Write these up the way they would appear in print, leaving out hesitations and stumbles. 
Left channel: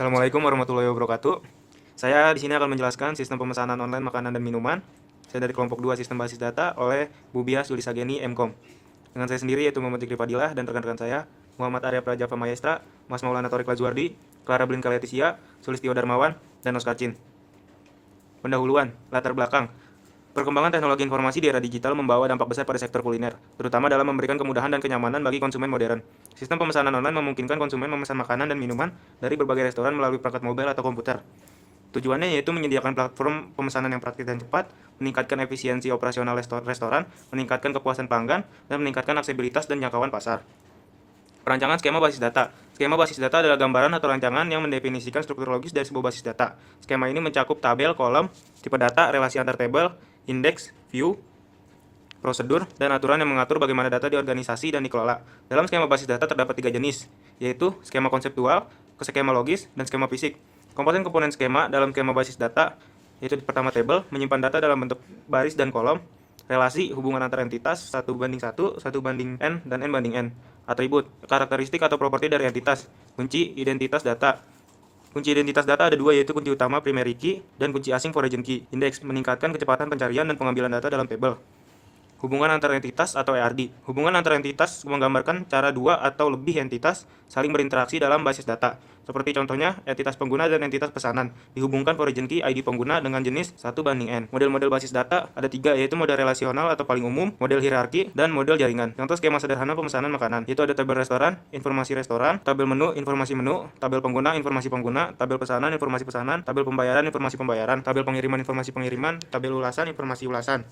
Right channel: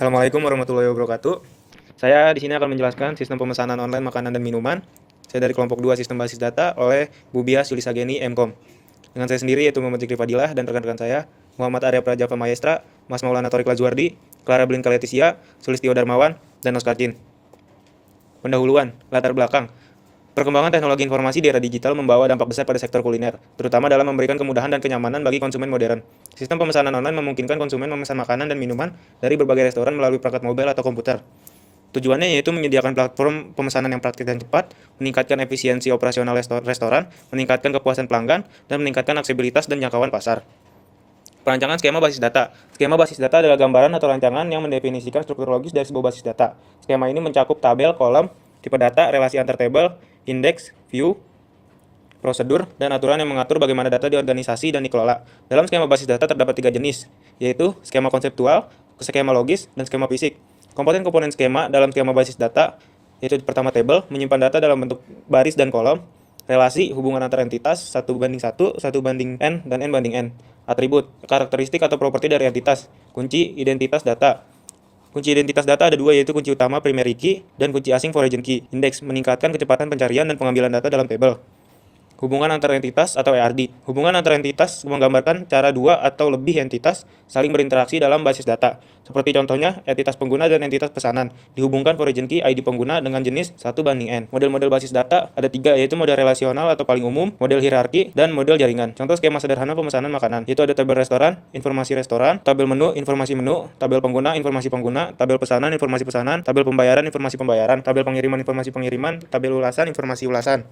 Assalamualaikum warahmatullahi wabarakatuh. Saya di sini akan menjelaskan sistem pemesanan online makanan dan minuman. Saya dari kelompok 2 Sistem Basis Data oleh Bubias Yulisageni MKOM. Dengan saya sendiri yaitu Muhammad Zikri Fadilah dan rekan-rekan saya, Muhammad Arya Prajapa Maestra, Mas Maulana Torik Lazuardi, Clara Blinka Leticia, Sulistio Darmawan, dan Oscar Jin. Pendahuluan, latar belakang. Perkembangan teknologi informasi di era digital membawa dampak besar pada sektor kuliner, terutama dalam memberikan kemudahan dan kenyamanan bagi konsumen modern. Sistem pemesanan online memungkinkan konsumen memesan makanan dan minuman dari berbagai restoran melalui perangkat mobil atau komputer. Tujuannya yaitu menyediakan platform pemesanan yang praktis dan cepat, meningkatkan efisiensi operasional restoran, meningkatkan kepuasan pelanggan, dan meningkatkan aksesibilitas dan jangkauan pasar. Perancangan skema basis data. Skema basis data adalah gambaran atau rancangan yang mendefinisikan struktur logis dari sebuah basis data. Skema ini mencakup tabel, kolom, tipe data, relasi antar tabel, indeks, view, prosedur, dan aturan yang mengatur bagaimana data diorganisasi dan dikelola. Dalam skema basis data terdapat 3 jenis, yaitu skema konseptual, skema logis, dan skema fisik. Komponen-komponen skema dalam skema basis data, yaitu pertama tabel, menyimpan data dalam bentuk baris dan kolom, relasi, hubungan antar entitas, 1:1, 1:n, dan n/n. Atribut, karakteristik atau properti dari entitas. Kunci, identitas data. Kunci identitas data ada 2, yaitu kunci utama primary key dan kunci asing foreign key. Indeks, meningkatkan kecepatan pencarian dan pengambilan data dalam tabel. Hubungan antar entitas atau ERD. Hubungan antar entitas menggambarkan cara 2 atau lebih entitas saling berinteraksi dalam basis data. Seperti contohnya, entitas pengguna dan entitas pesanan. Dihubungkan origin key ID pengguna dengan jenis 1:n. Model-model basis data ada 3, yaitu model relasional atau paling umum, model hierarki, dan model jaringan. Contoh skema sederhana pemesanan makanan, yaitu ada tabel restoran, informasi restoran, tabel menu, informasi menu, tabel pengguna, informasi pengguna, tabel pesanan, informasi pesanan, tabel pembayaran, informasi pembayaran, tabel pengiriman, informasi pengiriman, tabel ulasan, informasi ulasan.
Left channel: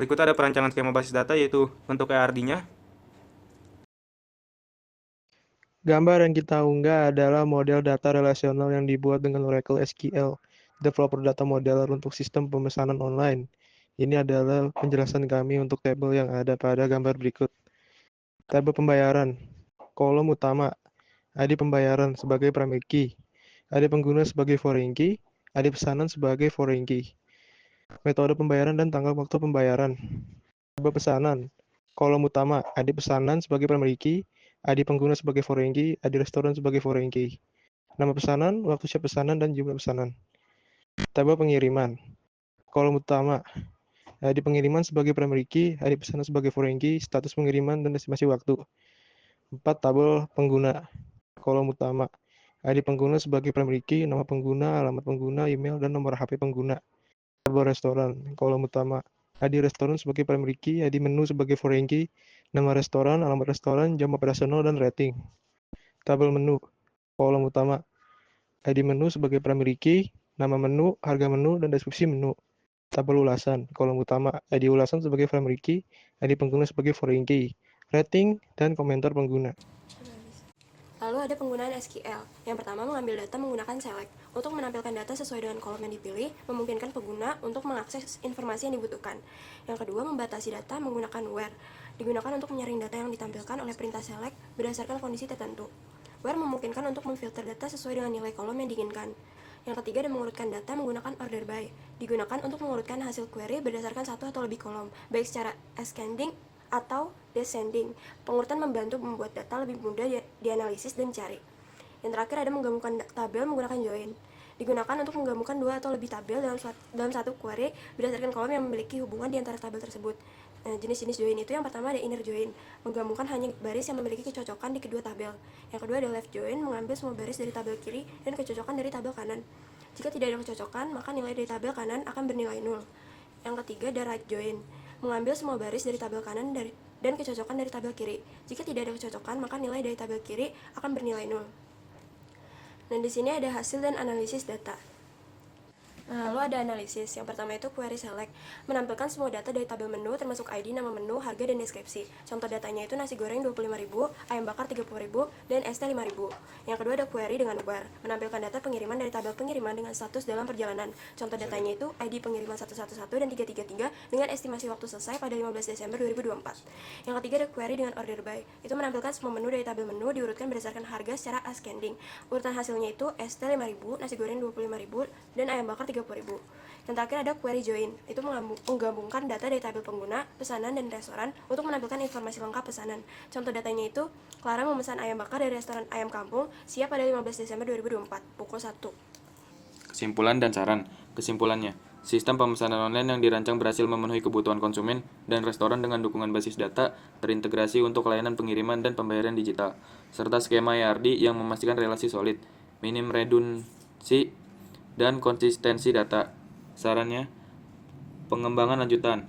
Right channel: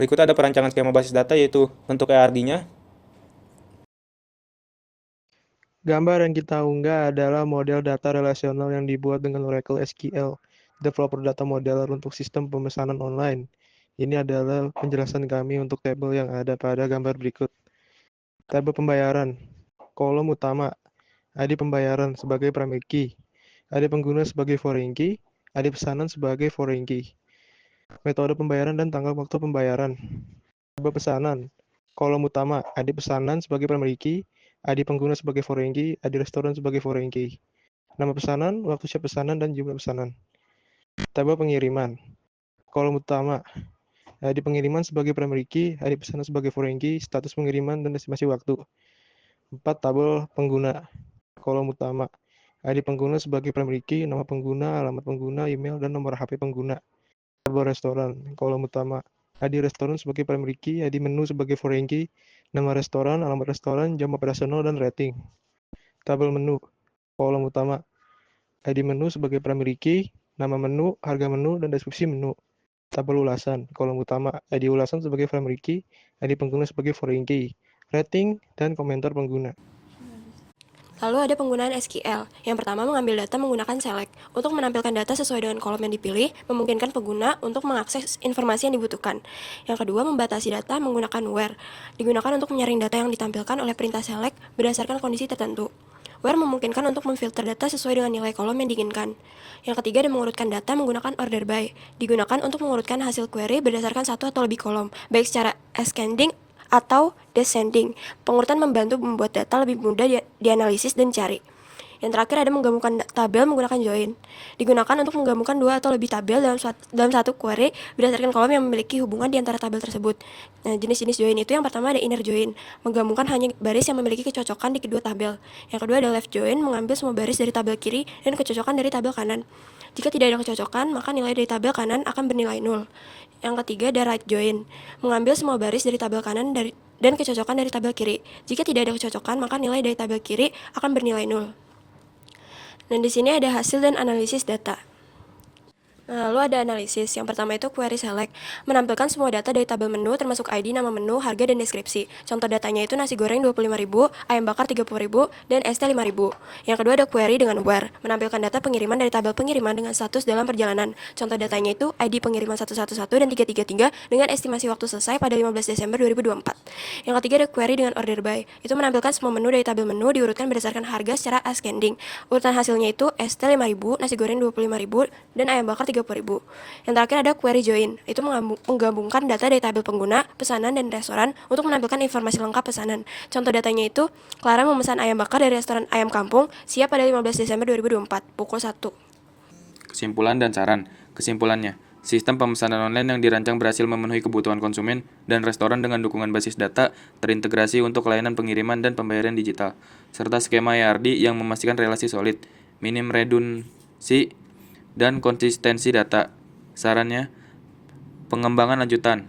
Berikut ada perancangan skema basis data, yaitu untuk ERD-nya. Gambar yang kita unggah adalah model data relasional yang dibuat dengan Oracle SQL, Developer Data Modeler untuk sistem pemesanan online. Ini adalah penjelasan kami untuk tabel yang ada pada gambar berikut. Tabel pembayaran, kolom utama, ID pembayaran sebagai primary key, ID pengguna sebagai foreign key, ID pesanan sebagai foreign key. Metode pembayaran dan tanggal waktu pembayaran. Tabel pesanan, kolom utama, ID pesanan sebagai primary key, ID pengguna sebagai foreign key, ID restoran sebagai foreign key. Nama pesanan, waktu siap pesanan, dan jumlah pesanan. Tabel pengiriman, kolom utama, ID pengiriman sebagai primary key, ID pesanan sebagai foreign key, status pengiriman, dan estimasi waktu. 4. Tabel pengguna, kolom utama, ID pengguna sebagai primary key, nama pengguna, alamat pengguna, email, dan nomor HP pengguna. Tabel restoran, kolom utama, ID restoran sebagai primary key, ID menu sebagai foreign key, nama restoran, alamat restoran, jam operasional, dan rating. Tabel menu, kolom utama, ID menu sebagai primary key, nama menu, harga menu, dan deskripsi menu. Tabel ulasan, kolom utama, ID ulasan sebagai primary key, ID pengguna sebagai foreign key, rating, dan komentar pengguna. Lalu ada penggunaan SQL. Yang pertama, mengambil data menggunakan select. Untuk menampilkan data sesuai dengan kolom yang dipilih, memungkinkan pengguna untuk mengakses informasi yang dibutuhkan. Yang kedua, membatasi data menggunakan where. Digunakan untuk menyaring data yang ditampilkan oleh perintah select berdasarkan kondisi tertentu. Where memungkinkan untuk memfilter data sesuai dengan nilai kolom yang diinginkan. Yang ketiga, ada mengurutkan data menggunakan order by. Digunakan untuk mengurutkan hasil query berdasarkan satu atau lebih kolom, baik secara ascending atau descending. Pengurutan membantu membuat data lebih mudah dianalisis dan dicari. Yang terakhir, ada menggabungkan tabel menggunakan join. Digunakan untuk menggabungkan 2 atau lebih tabel dalam satu query berdasarkan kolom yang memiliki hubungan di antara tabel tersebut. Nah, jenis-jenis join itu yang pertama ada inner join, menggabungkan hanya baris yang memiliki kecocokan di kedua tabel. Yang kedua ada left join, mengambil semua baris dari tabel kiri dan kecocokan dari tabel kanan. Jika tidak ada kecocokan, maka nilai dari tabel kanan akan bernilai 0. Yang ketiga ada right join, mengambil semua baris dari tabel kanan dan kecocokan dari tabel kiri. Jika tidak ada kecocokan, maka nilai dari tabel kiri akan bernilai 0. Dan di sini ada hasil dan analisis data. Lalu ada analisis. Yang pertama itu query select, menampilkan semua data dari tabel menu termasuk ID, nama menu, harga, dan deskripsi. Contoh datanya itu nasi goreng 25.000, ayam bakar 30.000, dan ST 5.000. Yang kedua ada query dengan where, menampilkan data pengiriman dari tabel pengiriman dengan status dalam perjalanan. Contoh datanya itu ID pengiriman 111 dan 333 dengan estimasi waktu selesai pada 15 Desember 2024. Yang ketiga ada query dengan order by, itu menampilkan semua menu dari tabel menu diurutkan berdasarkan harga secara ascending. Urutan hasilnya itu ST 5.000, nasi goreng 25.000, dan ayam bakar 30.000. 30.000. Yang terakhir ada query join, itu menggabungkan data dari tabel pengguna, pesanan, dan restoran untuk menampilkan informasi lengkap pesanan. Contoh datanya itu, Clara memesan ayam bakar dari restoran Ayam Kampung, siap pada 15 Desember 2024, pukul 1. Kesimpulan dan saran. Kesimpulannya, sistem pemesanan online yang dirancang berhasil memenuhi kebutuhan konsumen dan restoran dengan dukungan basis data terintegrasi untuk layanan pengiriman dan pembayaran digital, serta skema ERD yang memastikan relasi solid, minim redundansi, dan konsistensi data. Sarannya, pengembangan lanjutan.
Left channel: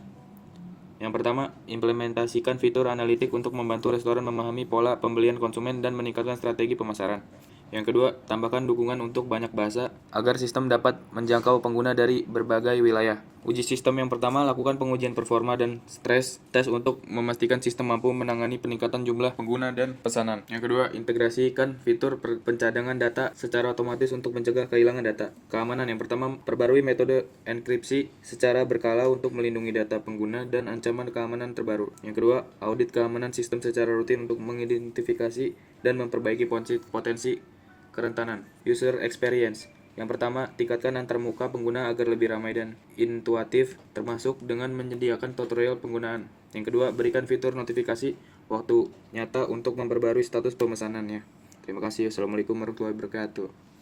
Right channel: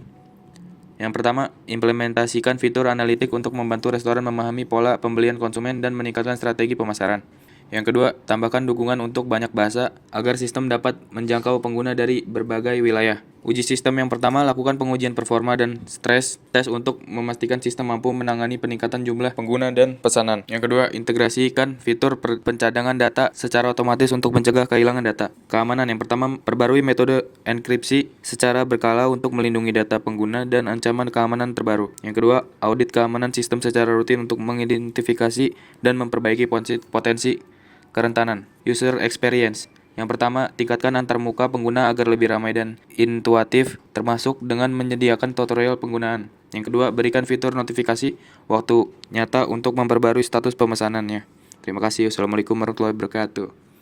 Yang pertama, implementasikan fitur analitik untuk membantu restoran memahami pola pembelian konsumen dan meningkatkan strategi pemasaran. Yang kedua, tambahkan dukungan untuk banyak bahasa agar sistem dapat menjangkau pengguna dari berbagai wilayah. Uji sistem yang pertama, lakukan pengujian performa dan stress test untuk memastikan sistem mampu menangani peningkatan jumlah pengguna dan pesanan. Yang kedua, integrasikan fitur pencadangan data secara otomatis untuk mencegah kehilangan data. Keamanan yang pertama, perbarui metode enkripsi secara berkala untuk melindungi data pengguna dan ancaman keamanan terbaru. Yang kedua, audit keamanan sistem secara rutin untuk mengidentifikasi dan memperbaiki potensi kerentanan. User experience. Yang pertama, tingkatkan antarmuka pengguna agar lebih ramai dan intuitif, termasuk dengan menyediakan tutorial penggunaan. Yang kedua, berikan fitur notifikasi waktu nyata untuk memperbarui status pemesanannya. Terima kasih. Wassalamualaikum warahmatullahi wabarakatuh.